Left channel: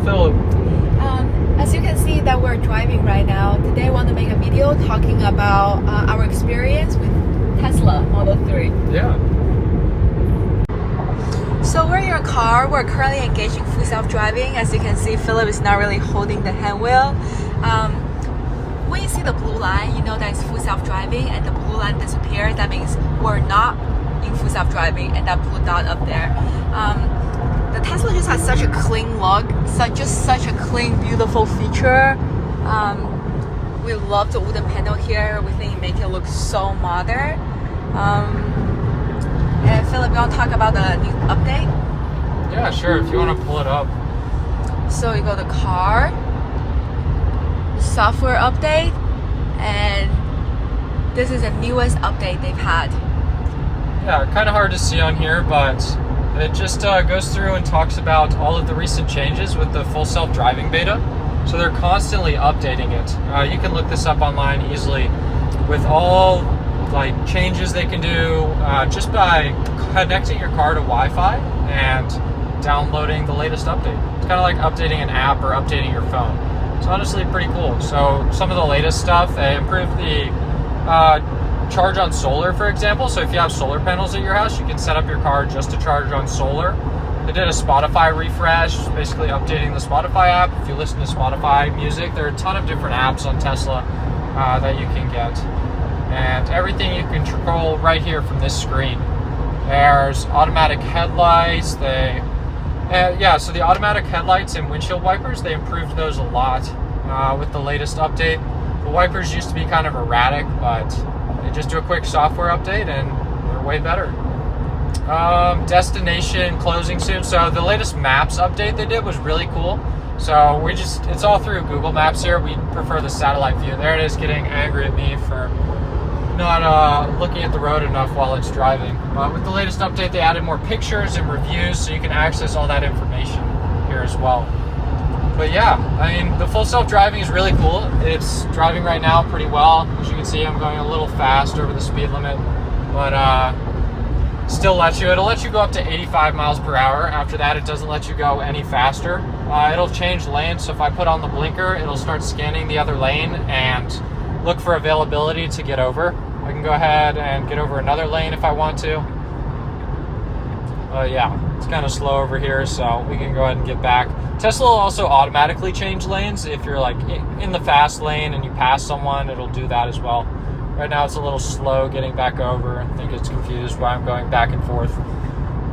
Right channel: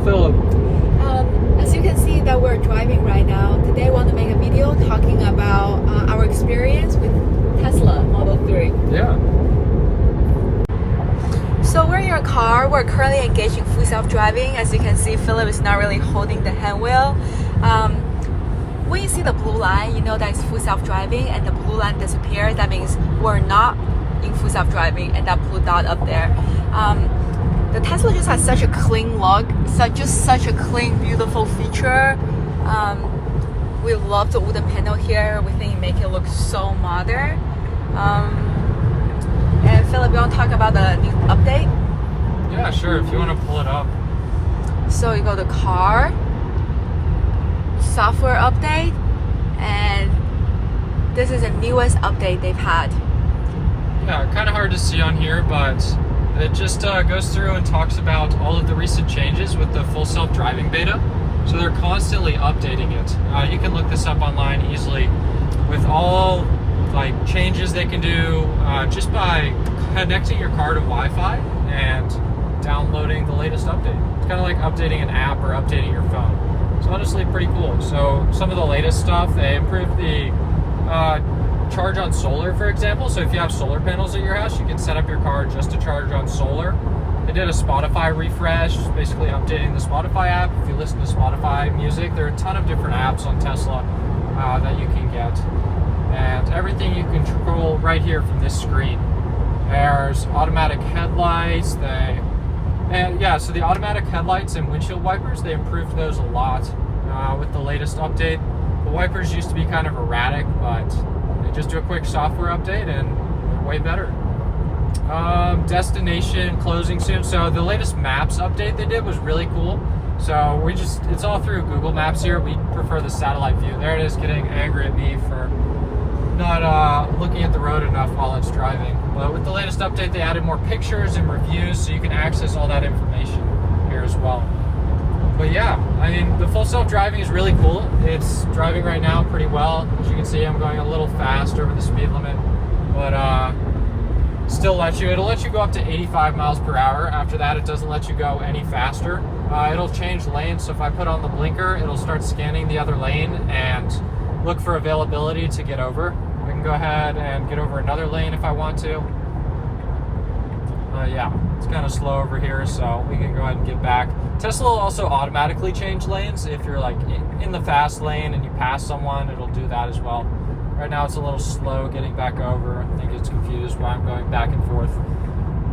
Philip? As you can see that we're driving right now. Today I want to make a video talking about our experience with Tesla Model 3. Yeah. So we're in your car. We're currently engaged in full self-driving. As you can see, Philip is not really holding the handwheel. When you see the blue line, you know that it's full self-driving, and the blue line disappears. That means we're not in full self-driving, and that blue dot up there. The Tesla just has such a clean look, such a clean, beautiful feature. We love the wooden panel here. We think it makes it look so modern. And Philip, you want to talk about the new update? Yeah, sure. If you want to pull it up. So you go to car, software update, and this is the newest update they've had. Yeah, kind of hard to see on here, but it just goes through and talks about all of the recent changes with the full self-driving beta. So they're constantly updating it. You can look this up online easily with all changes they can do just by connecting your car to Wi-Fi and downloading the latest update. It's kind of like updating an app or updating your phone. It's honestly pretty cool. So some of the latest stuff, they improved the charge on solar, for example. So if you have solar panels at your house, you can set up your car just to charge on solar. They did a Spotify refresh, basically updating the Spotify app. If you listen to Spotify music, there are a ton of different apps on Tesla that you can get. And everything you can control right here from this screen. There's automatic headlights. So the automatic headlights and windshield wipers, they improved those a lot with the latest update. The wipers used to be kind of erratic, but they just do a quick software update and they're way better. Destination closing soon. So the latest maps update they did was really cool. So it's all through Google Maps here. We prefer the satellite view. There it is, getting angry at me for not looking at the road enough while it's driving. But with the latest update, they added more pictures and reviews, so you can access all that information here as well. But yeah, I mean, the full self-driving is really cool. It's driving right now pretty well. As you can see, I'm going a little fast over the speed limit, but it'll let you go up to 85 miles per hour. After that, it doesn't let you go any faster. It'll change lanes, so if I put on the blinker, it'll start scanning the other lane and look for availability to get over. I can go ahead and get over another lane if I want to. Yeah, it's kind of slow over here, so we can go ahead and get back. Tesla will also automatically change lanes. If you're in the fast lane and you pass someone, it'll do that as well. Right now it's a little slow getting back over. I think it's confused why I'm going back and forth.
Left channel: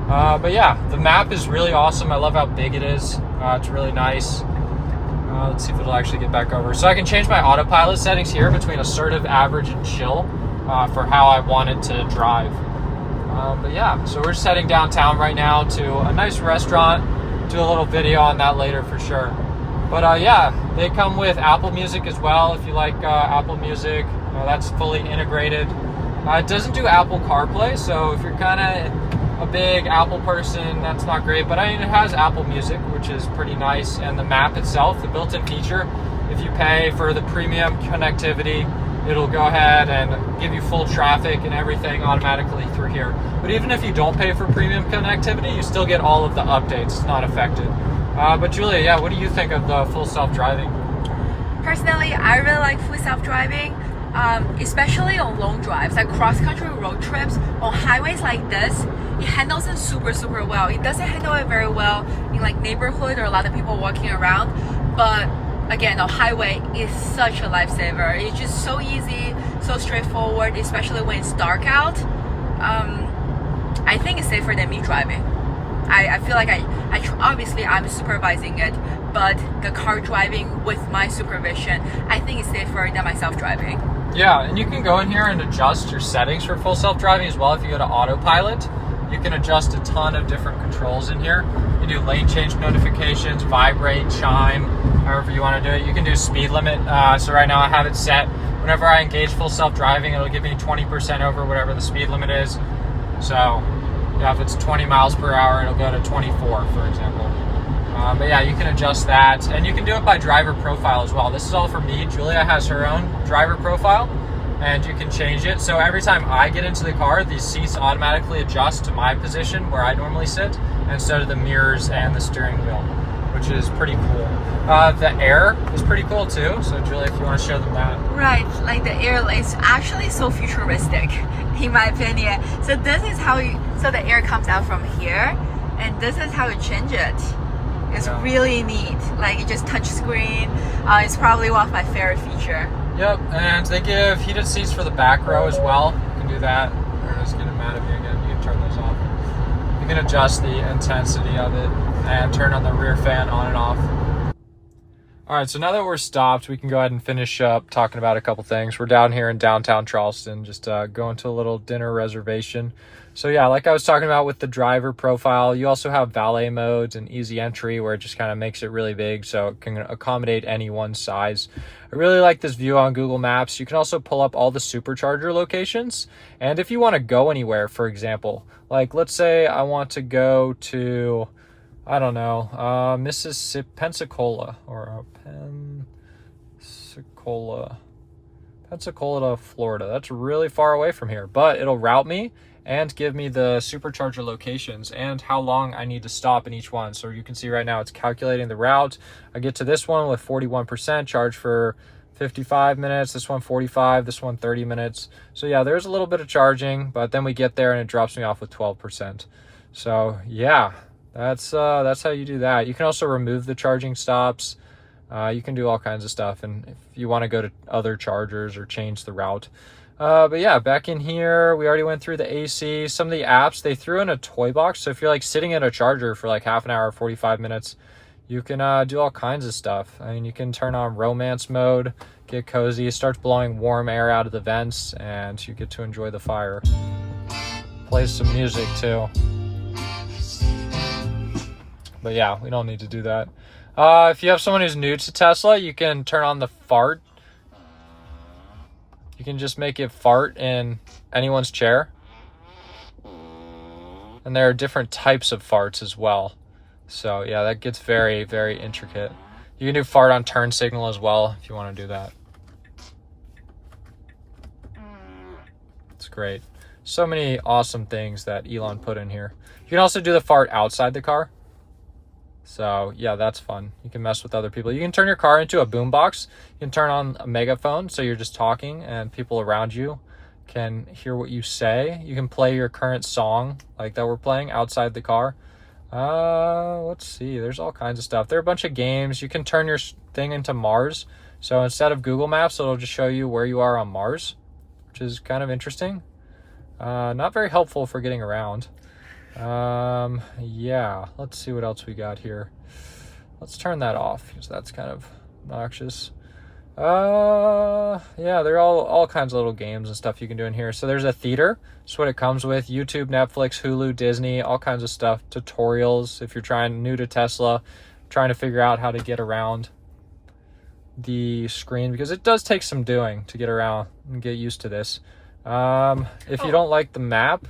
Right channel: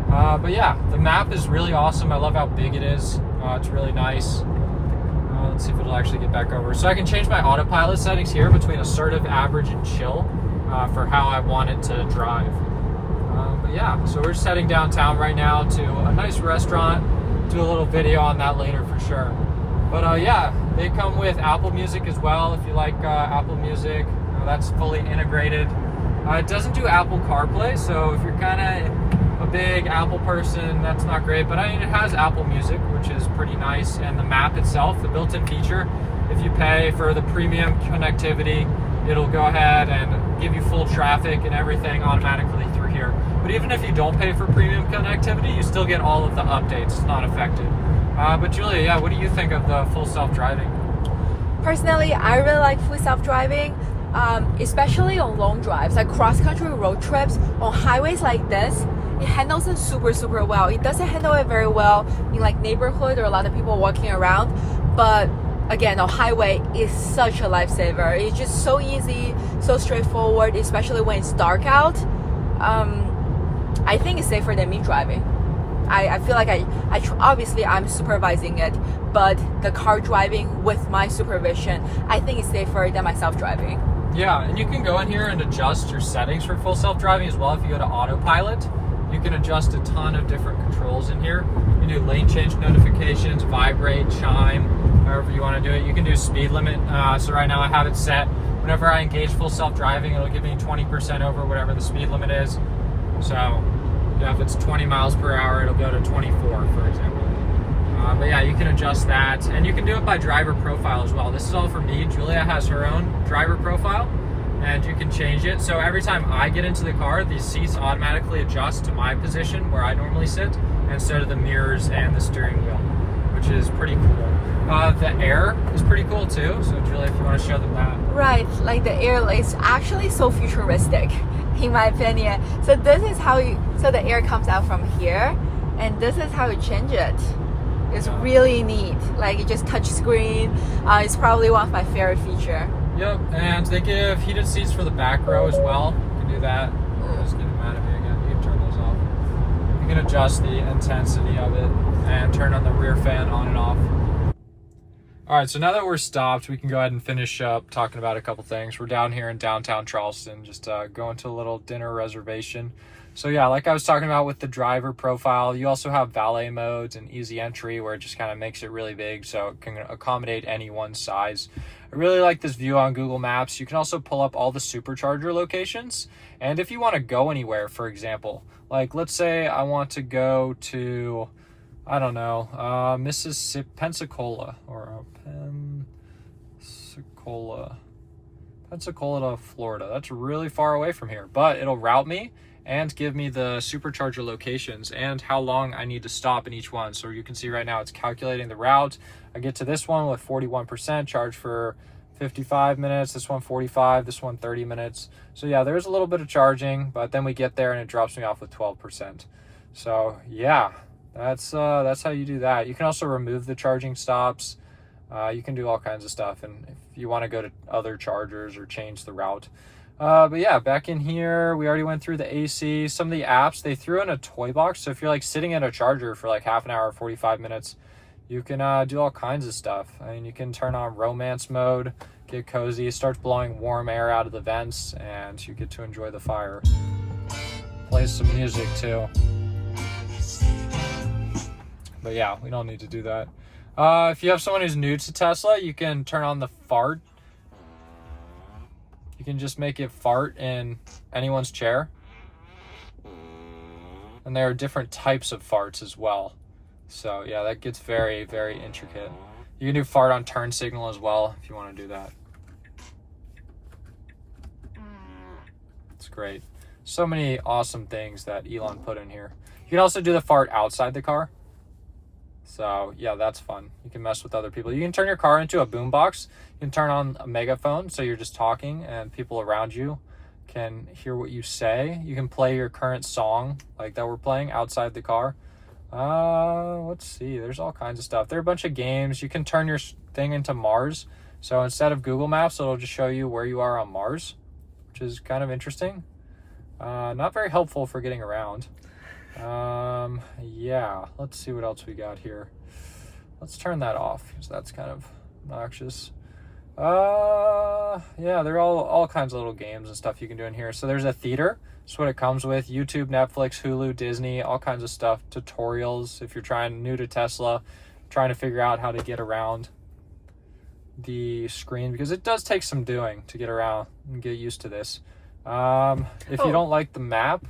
But yeah, the map is really awesome. I love how big it is. It's really nice. Let's see if it'll actually get back over. So I can change my autopilot settings here between assertive, average, and chill for how I want it to drive. But yeah, so we're just heading downtown right now to a nice restaurant. Do a little video on that later for sure. But yeah, they come with Apple Music as well. If you like Apple Music, that's fully integrated. It doesn't do Apple CarPlay, so if you're kind of a big Apple person, that's not great. But I mean, it has Apple Music, which is pretty nice. And the map itself, the built-in feature, if you pay for the premium connectivity, it'll go ahead and give you full traffic and everything automatically through here. But even if you don't pay for premium connectivity, you still get all of the updates. It's not affected. But Julia, yeah, what do you think of the full self-driving? Personally, I really like full self-driving, especially on long drives, like cross-country road trips. On highways like this, it handles it super, super well. It doesn't handle it very well in neighborhood or a lot of people walking around, but again, on highway is such a lifesaver. It's just so easy, so straightforward, especially when it's dark out. I think it's safer than me driving. I feel like obviously I'm supervising it, but the car driving with my supervision, I think it's safer than myself driving. Yeah, and you can go in here and adjust your settings for full self-driving as well. If you go to autopilot, you can adjust a ton of different controls in here. You can do lane change notifications, vibrate, chime, however you want to do it. You can do speed limit. So right now I have it set. Whenever I engage full self-driving, it'll give me 20% over whatever the speed limit is. So yeah, if it's 20 miles per hour, it'll go to 24, for example. But yeah, you can adjust that, and you can do it by driver profile as well. This is all for me. Julia has her own driver profile, and you can change it. So every time I get into the car, these seats automatically adjust to my position where I normally sit, and so do the mirrors and the steering wheel, which which is pretty cool. The air is pretty cool too. So Julia, if you want to show them that. Right, like the air is actually so futuristic, in my opinion. So this is how so the air comes out from here, and this is how you change it. It's really neat. Like you just touch screen. It's probably one of my favorite feature. Yep, and they give heated seats for the back row as well. You can do that. Or just get mad at me again. You can turn those off. You can adjust the intensity of it and turn on the rear fan on and off. All right, so now that we're stopped, we can go ahead and finish up talking about a couple things. We're down here in downtown Charleston, just going to a little dinner reservation. So yeah, like I was talking about with the driver profile, you also have valet modes and easy entry where it just kind of makes it really big so it can accommodate any one size. I really like this view on Google Maps. You can also pull up all the supercharger locations. And if you want to go anywhere, for example, like let's say I want to go to, I don't know, Mississippi, Pensacola to Florida. That's really far away from here, but it'll route me and give me the supercharger locations and how long I need to stop in each one. So you can see right now it's calculating the route. I get to this one with 41%, charge for 55 minutes, this one 45, this one 30 minutes. So yeah, there's a little bit of charging, but then we get there and it drops me off with 12%. So yeah, that's how you do that. You can also remove the charging stops. You can do all kinds of stuff, and if you want to go to other chargers or change the route. But yeah, back in here, we already went through the AC. Some of the apps, they threw in a toy box. So if you're like sitting at a charger for like half an hour, 45 minutes, you can do all kinds of stuff. I mean, you can turn on romance mode, get cozy, it starts blowing warm air out of the vents, and you get to enjoy the fire. Plays some music too. But yeah, we don't need to do that. If you have someone who's new to Tesla, you can turn on the fart. You can just make it fart in anyone's chair. And there are different types of farts as well. So yeah, that gets very, very intricate. You can do fart on turn signal as well if you want to do that. It's great. So many awesome things that Elon put in here. You can also do the fart outside the car. So yeah, that's fun. You can mess with other people. You can turn your car into a boombox. You can turn on a megaphone so you're just talking and people around you can hear what you say. You can play your current song like that we're playing outside the car. Let's see, there's all kinds of stuff. There are a bunch of games. You can turn your thing into Mars. So instead of Google Maps, it'll just show you where you are on Mars, which is kind of interesting. Not very helpful for getting around. Yeah, let's see what else we got here. Let's turn that off because that's kind of obnoxious. Yeah, there are all kinds of little games and stuff you can do in here. So there's a theater. That's what it comes with. YouTube, Netflix, Hulu, Disney, all kinds of stuff. Tutorials if you're new to Tesla, trying to figure out how to get around the screen, because it does take some doing to get around and get used to this. If you don't like the map,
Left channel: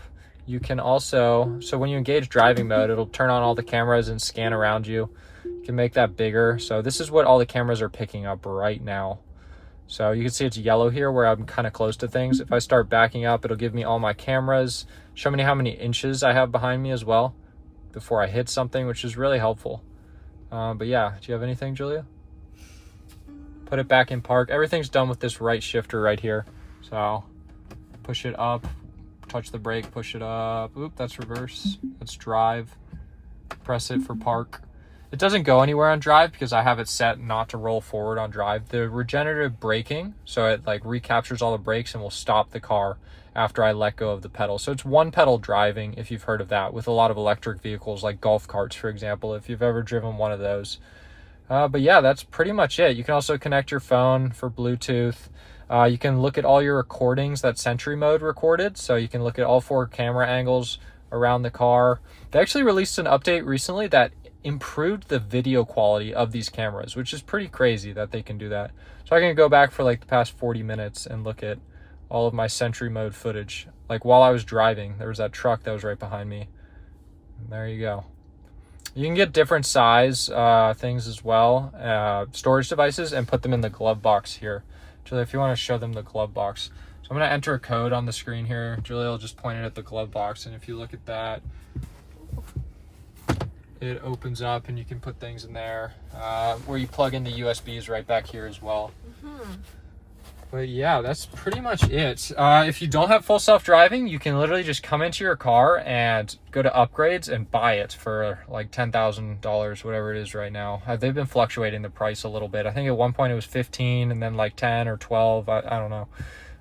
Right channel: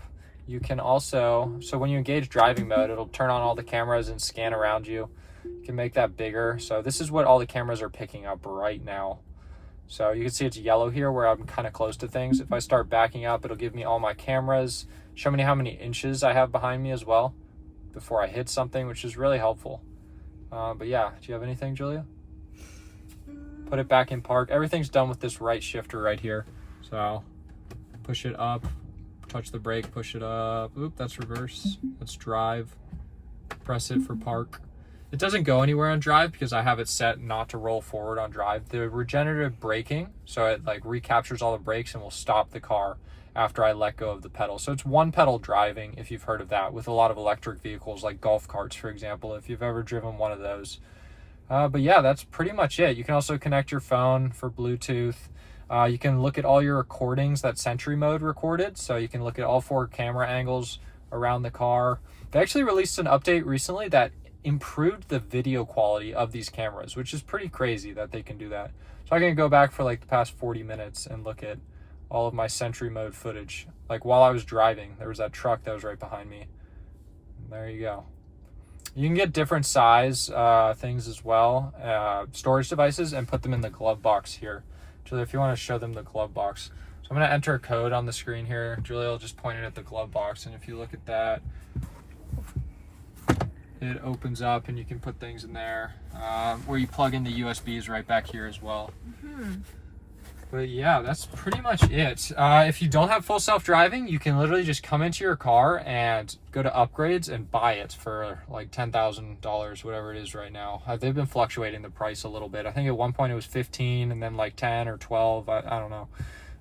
you can also, so when you engage driving mode, it'll turn on all the cameras and scan around you. You can make that bigger. So this is what all the cameras are picking up right now. So you can see it's yellow here where I'm kind of close to things. If I start backing up, it'll give me all my cameras, show me how many inches I have behind me as well before I hit something, which is really helpful. But yeah, do you have anything, Julia? Put it back in park. Everything's done with this right shifter right here. So push it up, touch the brake, push it up. Oop, that's reverse. That's drive. Press it for park. It doesn't go anywhere on drive because I have it set not to roll forward on drive. The regenerative braking, so it like recaptures all the brakes and will stop the car after I let go of the pedal. So it's one pedal driving, if you've heard of that, with a lot of electric vehicles like golf carts, for example, if you've ever driven one of those. But yeah, that's pretty much it. You can also connect your phone for Bluetooth. You can look at all your recordings that Sentry Mode recorded. So you can look at all 4 camera angles around the car. They actually released an update recently that improved the video quality of these cameras, which is pretty crazy that they can do that. So I can go back for like the past 40 minutes and look at all of my Sentry Mode footage. Like while I was driving, there was that truck that was right behind me. And there you go. You can get different size things as well, storage devices, and put them in the glove box here. Julia, if you want to show them the glove box. So I'm going to enter a code on the screen here. Julia will just point it at the glove box, and if you look at that, it opens up and you can put things in there, where you plug in the USBs right back here as well. But yeah, that's pretty much it. If you don't have full self-driving, you can literally just come into your car and go to upgrades and buy it for like $10,000, whatever it is right now. They've been fluctuating the price a little bit. I think at one point it was 15 and then like 10 or 12. I don't know.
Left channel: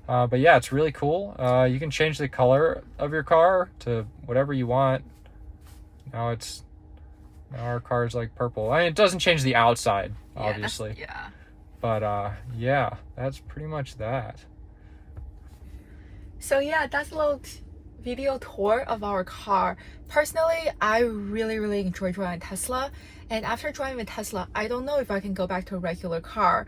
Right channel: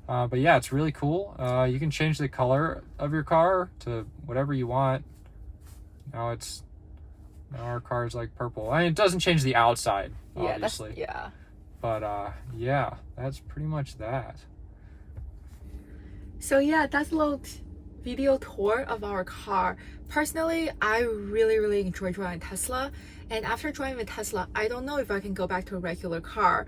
But yeah, it's really cool. You can change the color of your car to whatever you want. Now our car is like purple. I mean, it doesn't change the outside, obviously. Yeah. But yeah, that's pretty much that. So yeah, that's a little video tour of our car. Personally, I really enjoy driving Tesla. And after driving a Tesla, I don't know if I can go back to a regular car.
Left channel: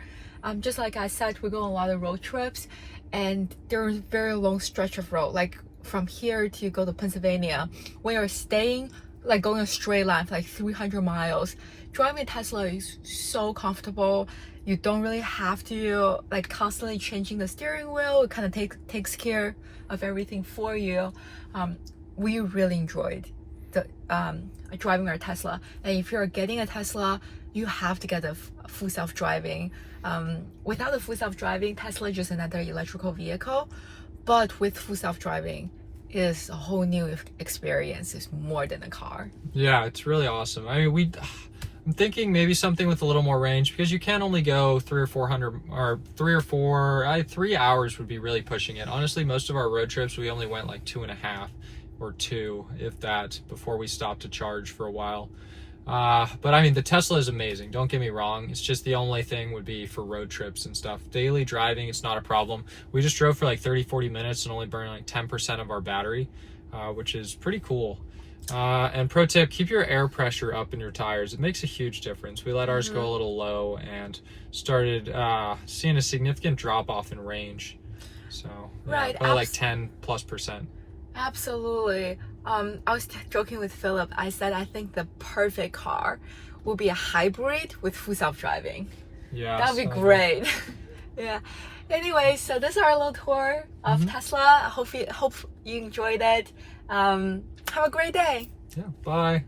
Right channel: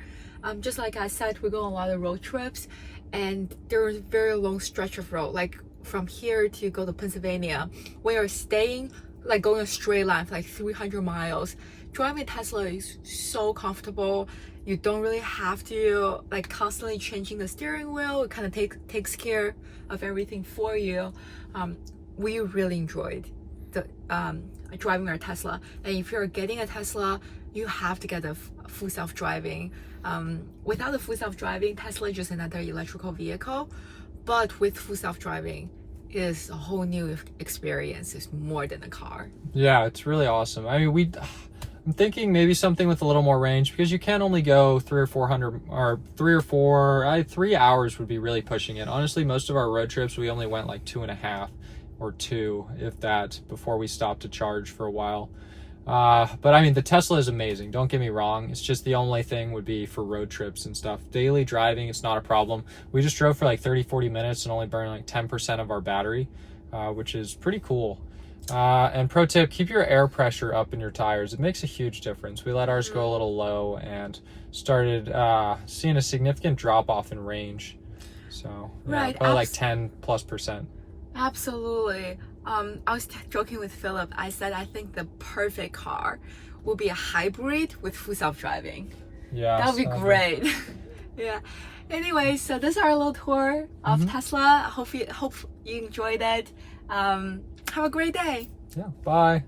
Just like I said, we go on a lot of road trips, and there's very long stretch of road, like from here to go to Pennsylvania. When you're staying, like going a straight line for like 300 miles, driving a Tesla is so comfortable. You don't really have to like constantly changing the steering wheel. It kind of takes care of everything for you. We really enjoyed the driving our Tesla. And if you're getting a Tesla, you have to get a full self-driving. Without the full self-driving, Tesla is just another electrical vehicle. But with full self-driving, it is a whole new experience. It's more than a car. Yeah, it's really awesome. I mean, I'm thinking maybe something with a little more range, because you can only go 3 hours would be really pushing it. Honestly, most of our road trips, we only went like 2.5 or 2, if that, before we stopped to charge for a while. But I mean, the Tesla is amazing. Don't get me wrong. It's just the only thing would be for road trips and stuff. Daily driving, it's not a problem. We just drove for like 30-40 minutes and only burned like 10% of our battery, which is pretty cool. And pro tip, keep your air pressure up in your tires. It makes a huge difference. We let ours go a little low and started seeing a significant drop off in range. So yeah, right, probably like 10+%. Absolutely. I was joking with Philip. I said I think the perfect car will be a hybrid with full self-driving. Yeah, that would be great. Yeah. Anyway, so this is our little tour of Tesla. Hope you enjoyed it. Have a great day. Yeah, bye.